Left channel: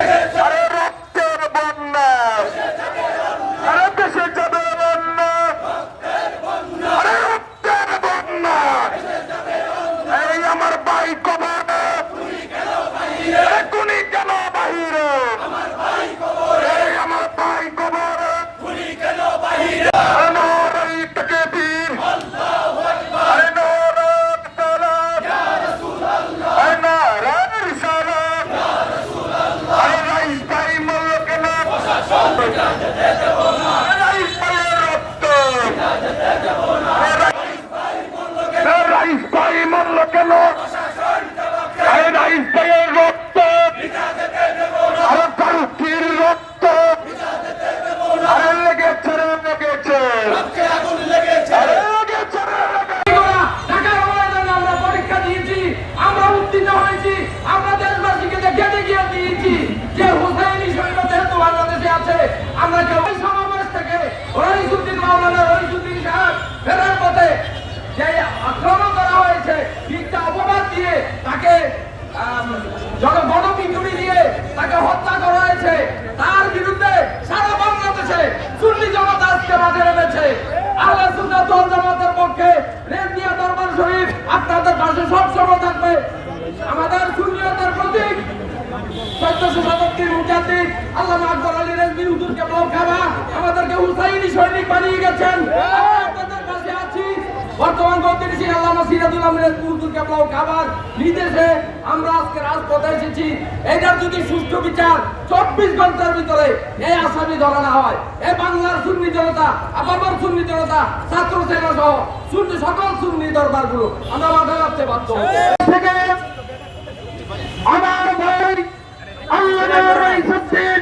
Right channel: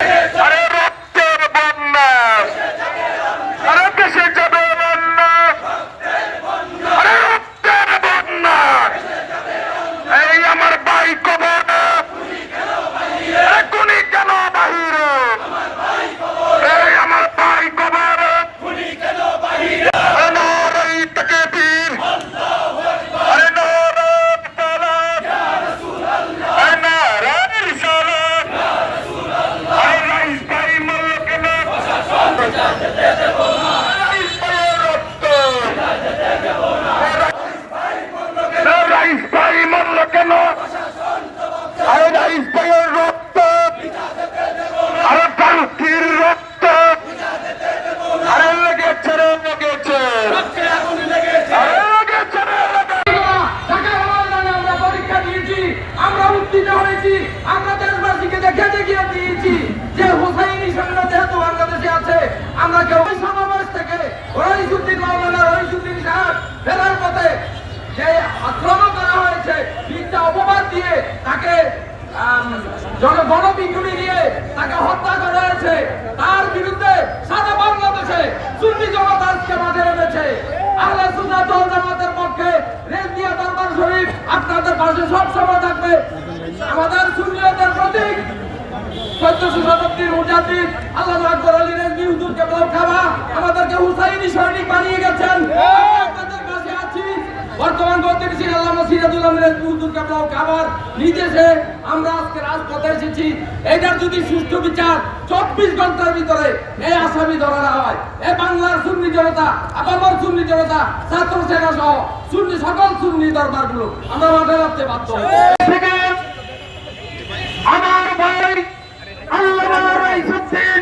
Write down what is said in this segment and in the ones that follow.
আরে রক্তের বন্যা আরে দেশে যাবে বন্যা আরে রক্তের বন্যা এই আমার ভাই কবর এখনই কেন বাহিরে এই আমার ভাই কবর আমার এই তাকে বীর আরে নারায়ণ সালাম আরে নারায়ণ সালাম আরে রাইস ভাই মরল কেন আরে রাইস ভাইয়ের রক্ত আরে রাইস ভাই মরল কেন পরীক্ষা দিয়েছি আমরা উত্তীর্ণ হয়েছি আমরা দেশবাসীকে দেখে দেখিয়ে দিয়েছি যে হুসাইনি সৈন্য যেহেতু বাংলাদেশে আছে আমরা যে ওই সমাবেশ থেকে রহিসুদ্দিন মাওলানা রহিসুদ্দিন সাহেব ফেরার পথে যে আক্রমণ করা হয়েছে মিথ্যা অপবাদ দিয়ে তাকে আম, জন গণপিটুনি দিয়ে তাকে হত্যা করা হয়েছে। তার বিরুদ্ধে সারা বাংলাদেশে সুন্নি জনতা আজকে মাঝে নেমেছে। আহলে সুন্নাত ওয়াল পক্ষে রেজনিয়া দরবার শরীফ আপনাদের পাশে সব সময় থাকবে। আমাদের সুন্নিয়তের প্রতীক চোদ্দশো শতাব্দীর মুজাদ্দিদ আল্লাহ আকবর আলী রেজনি হুজুরকে খাওয়া। আমাদেরকে হুসাইনি সৈনিক বানিয়ে গেছেন আমরা আপনাদের পাশে আছি বর্তমান বলতেছি আল্লামা সিরাজুল আমিরের হুজুরকে বউ খাবার। নির্দেশে আমরা আজকে রাজপথে এসেছি। এটার যদি সুষ্ঠু বিচার চব্বিশ ঘণ্টার ভিতরে এই আসামি ধরা না হয়। এ বাংলার সুন্নি জনতা, আপামর সুন্নি জনতা, ছাত্র সেনা সহ সুন্নি সকল সুন্নি দরবারগুলো আমরা মাথায় রাখতে থেকে আমার ভাই আল্লাহ রাইসুদ্দিন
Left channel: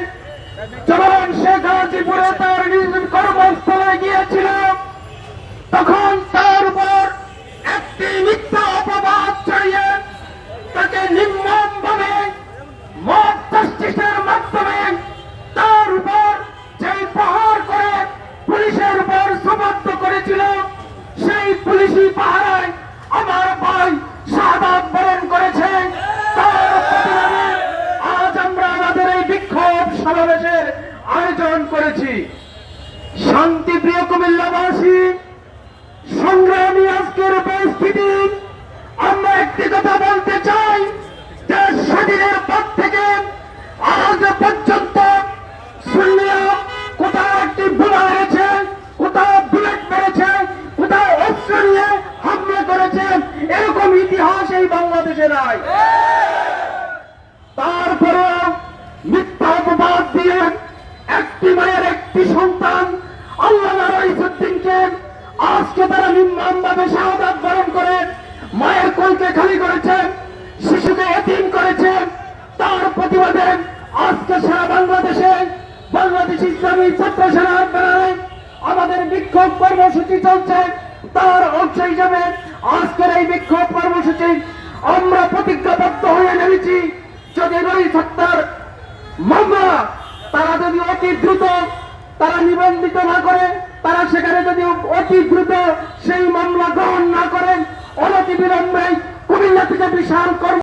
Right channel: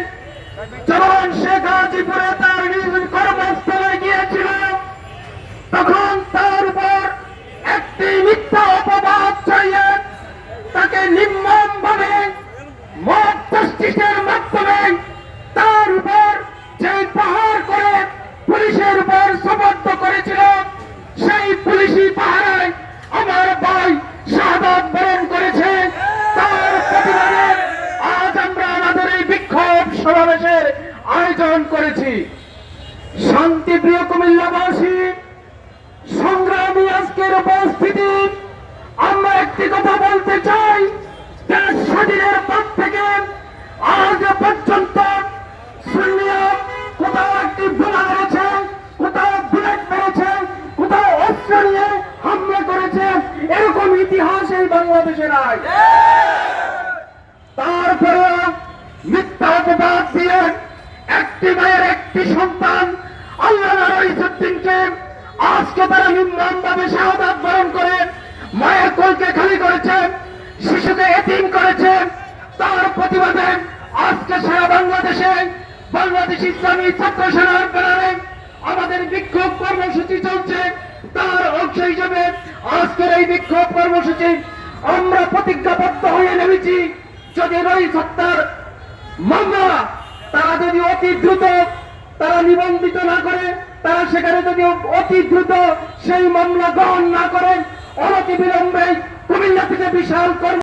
মত মাধ্যমে তার উপর যে প্রহার করে পুলিশের উপর সমর্থ করেছিল, সেই পুলিশি পাহারায় আমার ভাই শাহাদ বরণ করেছে। তার প্রতিবাদে আজ আমরা আমাদের এই বিক্ষোভ সমাবেশের আয়োজন করেছি। শান্তিপ্রিয় কুমিল্লাবাসী, সংগ্রামী আজকের উপস্থিতি, আমরা একটি কথা বলতে চাই দেশ স্বাধীনের বাংলাদেশে নাই। তারপরে মিথ্যা অপবাদ দিয়ে একটি মায়ের একটি সন্তান আল্লাহ রইসুদ্দিনকে আজকে তারা নির্মমভাবে শাহাদাত বরণ করে মায়ের কোলকে খালি করেছে, শিশুকে এতিম করেছে। তার প্রতিবাদে আজকে সারা বাংলাদেশে বাংলাদেশ ইসলামী ছাত্র সেনার ব্যানারে আমাদের বিক্ষোভ কর্মসূচি চলছে। তার অংশ হিসাবে আজকের এই বিক্ষোভ কর্মসূচি আমরা প্রতিজ্ঞাবদ্ধ হয়ে নেমেছি। যদি রই হত্যার মামলা, তারা যদি অতি দ্রুত তারা নিবন্ধিত না করে, তারা সেখানে যদি অতি দ্রুত সেই মামলা গ্রহণ না করেন অনতি বিলম্বে কুমিল্লা থেকে বিশাল কর্ম